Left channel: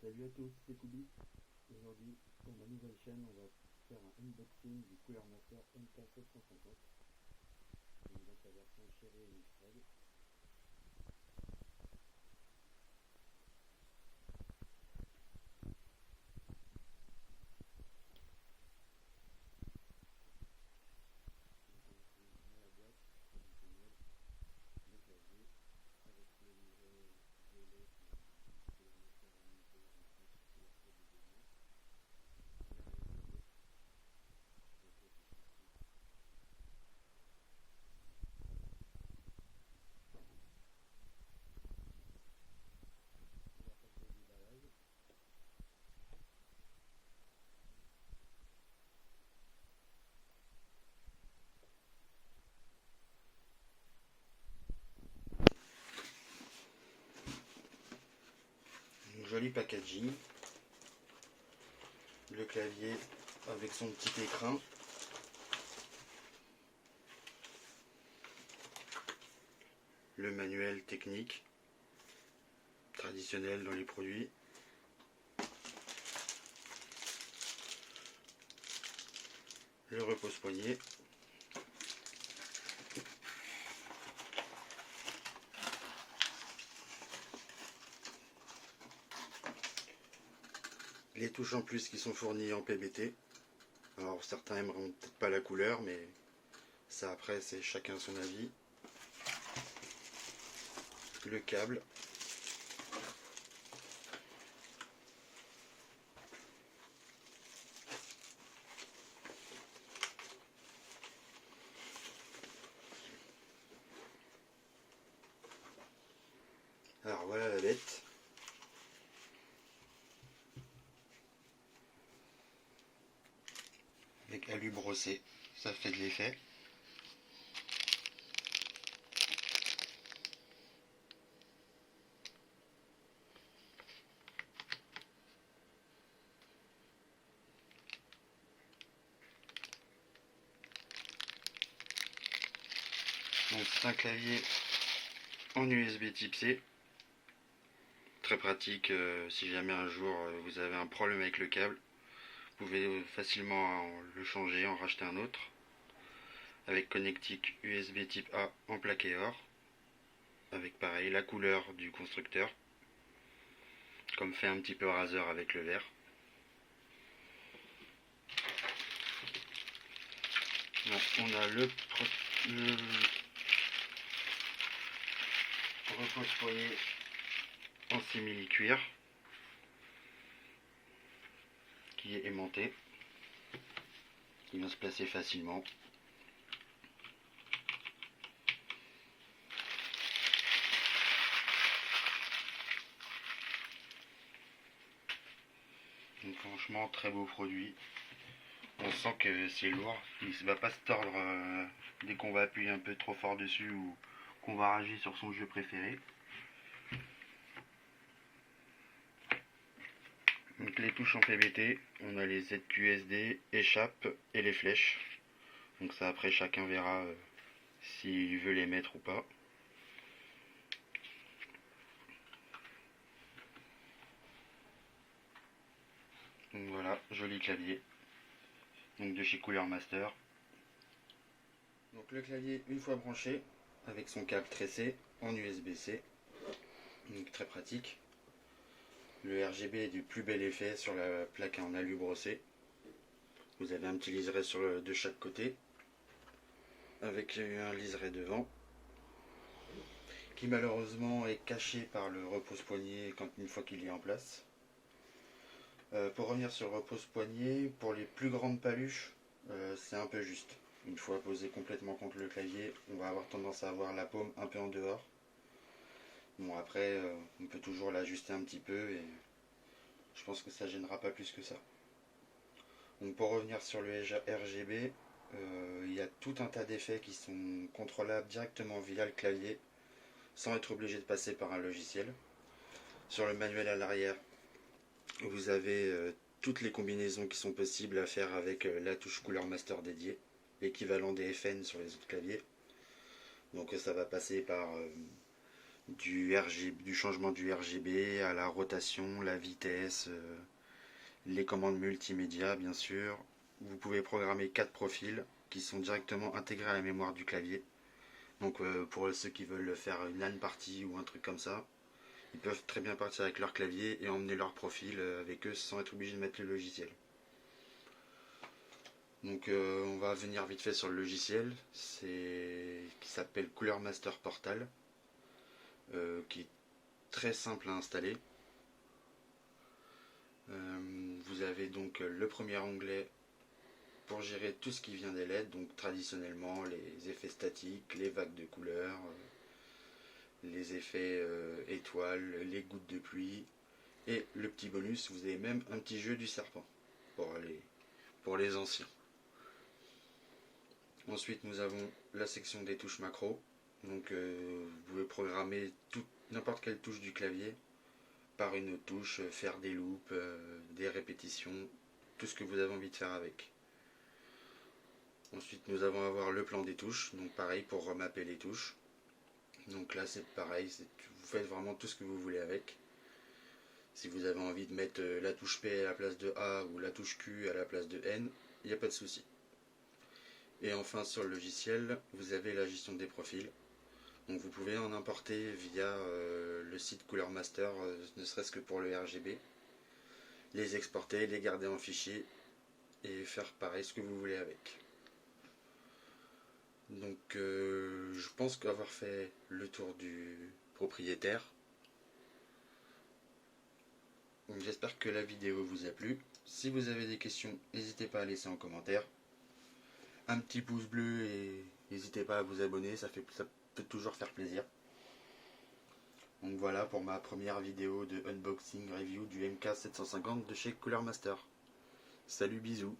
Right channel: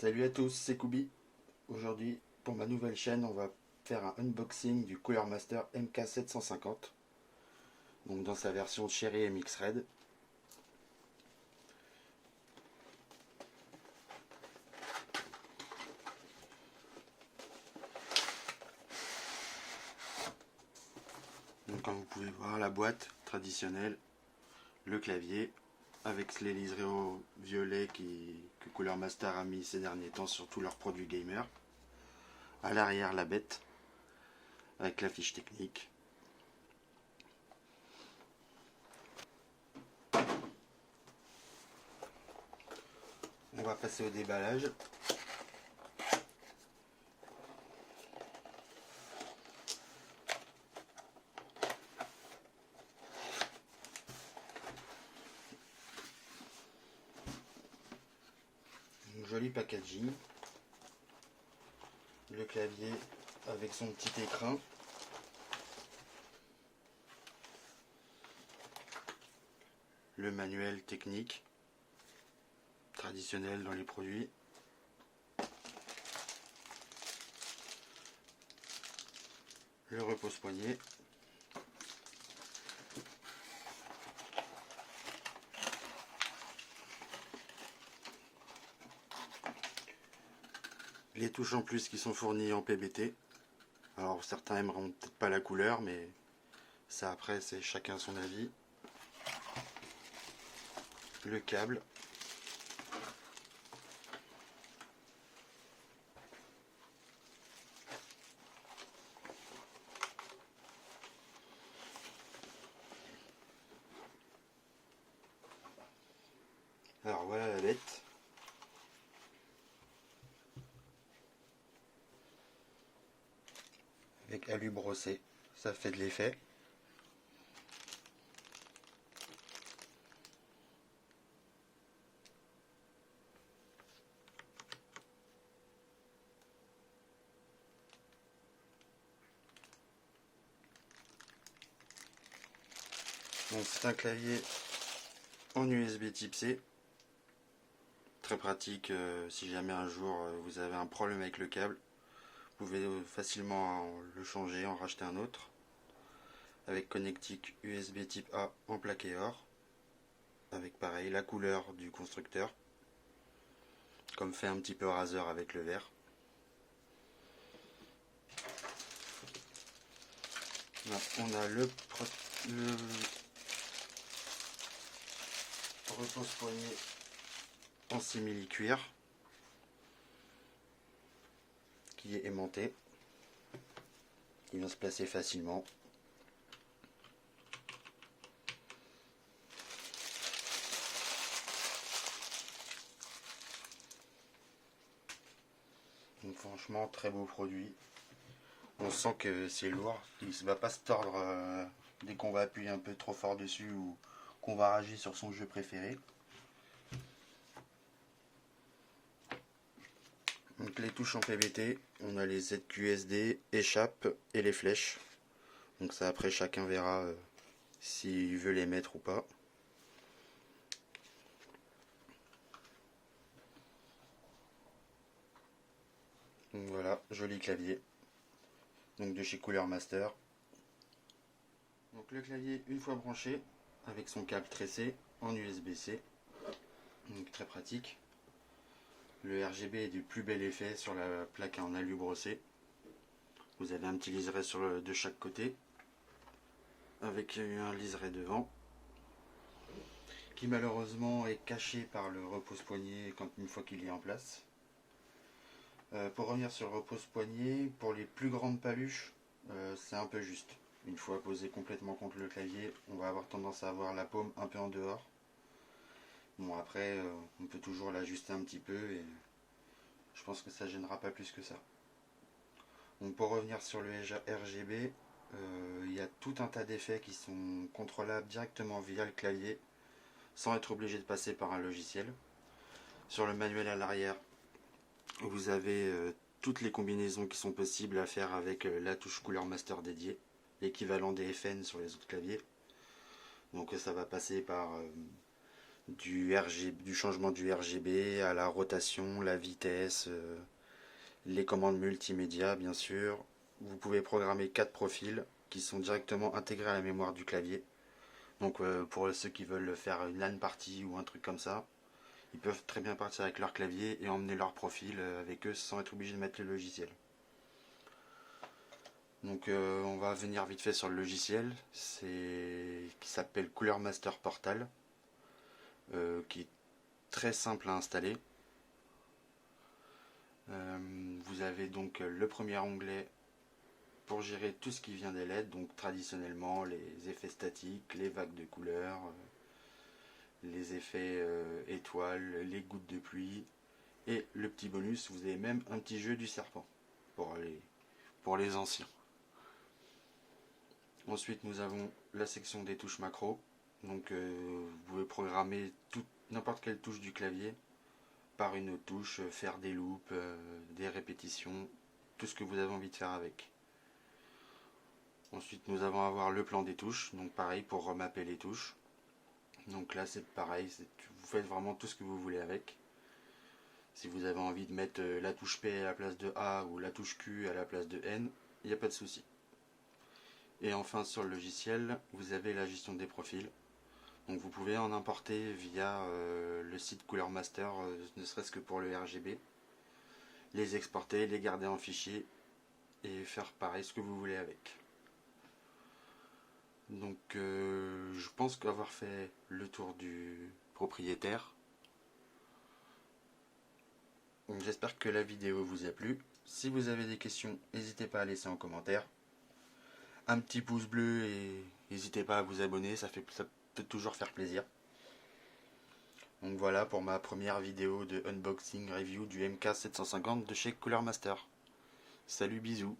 Salut à tous, c'est Koubi. Aujourd'hui, pour ma nouvelle chaîne, on va faire un unboxing du Cooler Master MK750. Donc dans sa version Cherry MX Red. Donc comme vous pouvez voir, la boîte traditionnelle, le clavier, avec les liserés au violet que Cooler Master a mis ces derniers temps sur tous leurs produits gamer. À l'arrière, la bête, avec la fiche technique. On va passer au déballage. Un joli packaging. Le clavier avec son petit écran. Le manuel technique traditionnel dans les produits. Le repose-poignet. Les touches en plus qui sont fournies en PBT. Alors certains aimeront peut-être pas la couleur, mais ça après c'est chacun son avis. Le câble. Alors voilà la bête. Avec alu brossé, ça fait de l'effet. Donc c'est un clavier en USB type C. Très pratique si jamais un jour vous avez un problème avec le câble. Vous pouvez facilement le changer, en racheter un autre. Avec connectique USB type A en plaqué or. Avec pareil la couleur du constructeur. Comme fait un petit peu Razer avec le vert. Donc, on a le repose-poignet en simili-cuir qui est aimanté, qui vient se placer facilement. Donc franchement très beau produit. On sent que c'est lourd, il ne va pas se tordre dès qu'on va appuyer un peu trop fort dessus ou qu'on va rager sur son jeu préféré. Donc les touches en PBT, on a les ZQSD, échappe et les flèches. Donc ça après chacun verra s'il veut les mettre ou pas. Donc voilà, joli clavier. Donc de chez Cooler Master. Donc le clavier une fois branché avec son câble tressé en USB-C. Donc très pratique. Le RGB est du plus bel effet sur la plaque en alu brossé. Vous avez un petit liseré de chaque côté avec un liseré devant qui malheureusement est caché par le repose-poignet une fois qu'il est en place. Pour revenir sur le repose-poignet, pour les plus grandes paluches, c'est un peu juste. Une fois posé complètement contre le clavier, on va avoir tendance à avoir la paume un peu en dehors. Bon après, on peut toujours l'ajuster un petit peu et je pense que ça gênera pas plus que ça. Donc pour revenir sur le RGB, il y a tout un tas d'effets qui sont contrôlables directement via le clavier sans être obligé de passer par un logiciel. Sur le manuel à l'arrière, vous avez toutes les combinaisons qui sont possibles à faire avec la touche Cooler Master dédiée, l'équivalent des FN sur les autres claviers. Donc ça va passer par du changement du RGB à la rotation, la vitesse, les commandes multimédia bien sûr. Vous pouvez programmer 4 profils qui sont directement intégrés à la mémoire du clavier. Donc pour ceux qui veulent faire une LAN party ou un truc comme ça, ils peuvent très bien partir avec leur clavier et emmener leur profil avec eux sans être obligé de mettre le logiciel. Donc on va venir vite fait sur le logiciel, qui s'appelle Cooler Master Portal, qui est très simple à installer. Vous avez donc le premier onglet pour gérer tout ce qui vient des LED, donc traditionnellement les effets statiques, les vagues de couleurs, les effets étoiles, les gouttes de pluie, et le petit bonus, vous avez même un petit jeu du serpent pour les anciens. Ensuite nous avons la section des touches macro, donc vous pouvez programmer n'importe quelle touche du clavier par une autre touche, faire des loops, des répétitions, tout ce que vous avez envie de faire avec. Ensuite nous allons avoir le plan des touches, donc pareil pour remapper les touches. Donc là c'est pareil, vous faites vraiment tout ce que vous voulez avec. Si vous avez envie de mettre la touche P à la place de A ou la touche Q à la place de N, il n'y a pas de souci. Et enfin sur le logiciel, vous avez la gestion des profils. Donc vous pouvez en importer via le site Cooler Master, ne serait-ce que pour le RGB. Les exporter, les garder en fichier et faire pareil ce que vous voulez avec. Donc je pense qu'avoir fait le tour du propriétaire. J'espère que la vidéo vous a plu. Si vous avez des questions, n'hésitez pas à laisser en commentaire. Un petit pouce bleu et n'hésitez pas à vous abonner, ça peut toujours faire plaisir. Donc voilà pour ma première vidéo de unboxing review du MK750 de chez Cooler Master. Salut, bisous.